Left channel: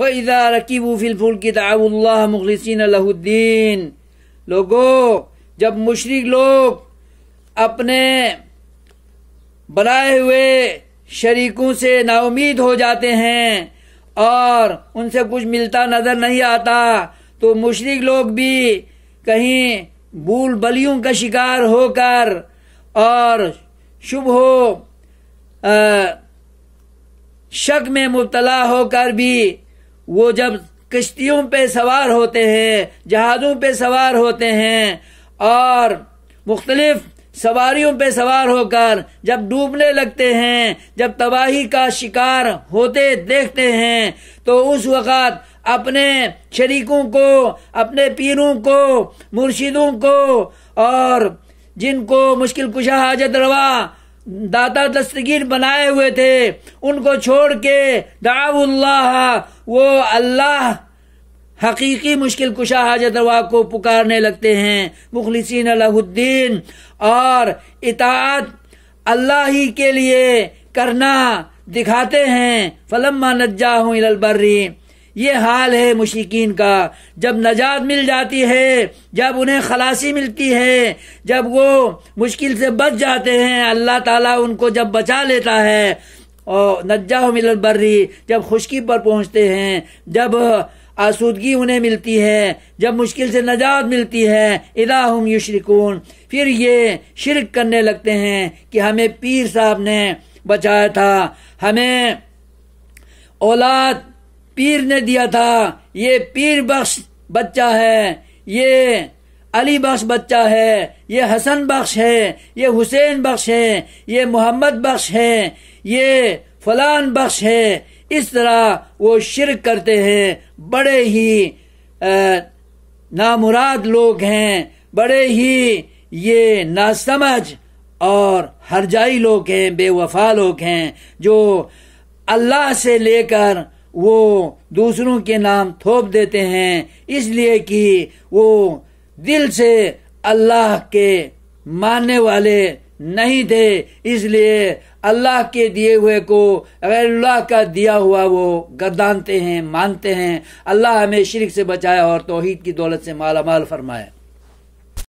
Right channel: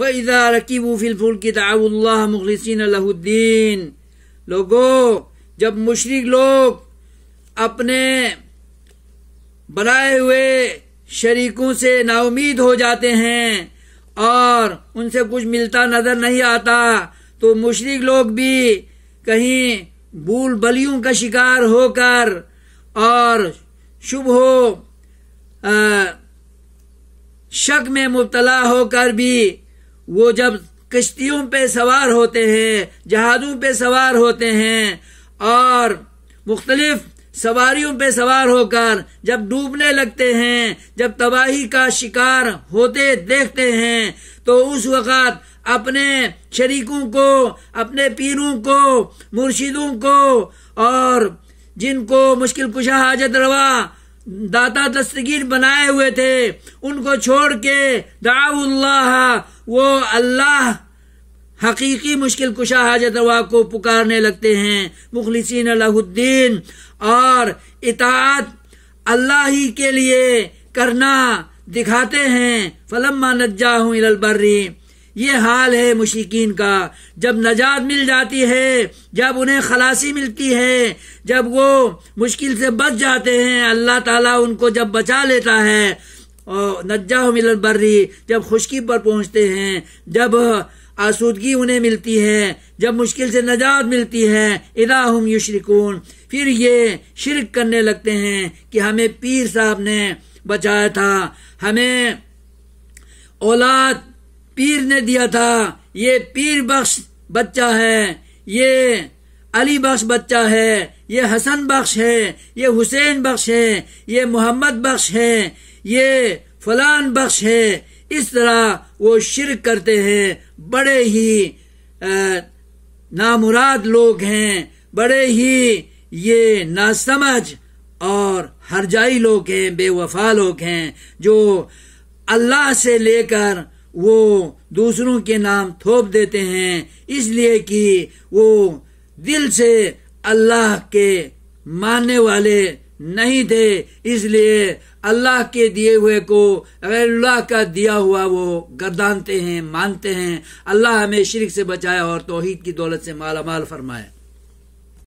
فَإِذَا رَكِبُوا فِي الْفُلْكِ دَعَوُا اللَّهَ مُخْلِصِينَ لَهُ الدِّينَ۔ لوگو، جب مشرک لوگ اپنے بنائے ہوئے شریکوں سے نا امید ہو جاتے ہیں اور ان سے کچھ ملتا نظر نہیں آتا، تو مشرک لوگ بھی کہیں بھول بلیوں کا شکار ہو کر اور شبہ شک میں مبتلا ہو کر بھی وہ جب کشتیوں پہ سوار ہوتے ہیں، جہازوں پہ سوار ہوتے ہیں اور مختلف سواریوں پہ سوار ہو کر جب ڈوبنے لگتے ہیں، جب تباہی کا شکار ہوتے دیکھتے ہیں، تو اس وقت اپنے شریکوں کو، اپنے پیروں کو، مرشدوں کو اور جن کو مشکل کشا حاجت روا داتا دستگیر بنائے ہوئے تھے، ان کو چھوڑ کے دعوا اللہ، وہ اللہ حقیقی مشکل کشا حاجت روا کو پکارنے لگتے ہیں، مخلصین لہ الدین، اور اطاعت اللہ ہی کے لیے کرنا دکھاتے ہیں۔ فلما نجاہم الی البر، یہ حال ہے مشرکین کا، جب نجات مل جاتی ہے، جب انہیں خلاصی ملتی ہے، جب وہ مشکل سے بچ جاتے ہیں، اللہ تعالیٰ ان کو جب بچا لیتا ہے، اور نجاہم الی البر، جب خشکی پر پہنچتے ہیں، جب آسودگی انہیں ملتی ہے، جب مشکل سے نجات ملتی ہے، اذا ہم یشرکون، پھر یہ شرک کرنے لگتے ہیں کہ ہمیں پیر صاحب نے بچایا تھا، ہمیں اولاد پیر نے دیا تھا، یہ پیر بخش بچہ ہے، یہ علی بخش بچہ ہے، یہ حسن بخش ہے، یہ حسین بخش ہے، یہ محمد بخش ہے، یہ فلان بخش ہے۔ اس طرح وہ شرک کرتے ہیں، بڑے ہی نامراد لوگ ہیں، بڑے ہی یہ ناسمجھ اور ہرجائی لوگ ہیں، بے وفا لوگ ہیں، جو اللہ سے لے کر وہ دوسروں کے نام تھوپ دیتے ہیں، اس لیے کہ وہ دل سے اللہ کے ماننے والے نہیں تھے، اس لیے اللہ کے دیے ہوئے کو غیر اللہ کا دیا ہوا وہ گردانتے ہیں، مانتے ہیں۔ اللہ ہمیں شرک سے بچائے اور توحید کی دولت سے مالا مال فرمائے۔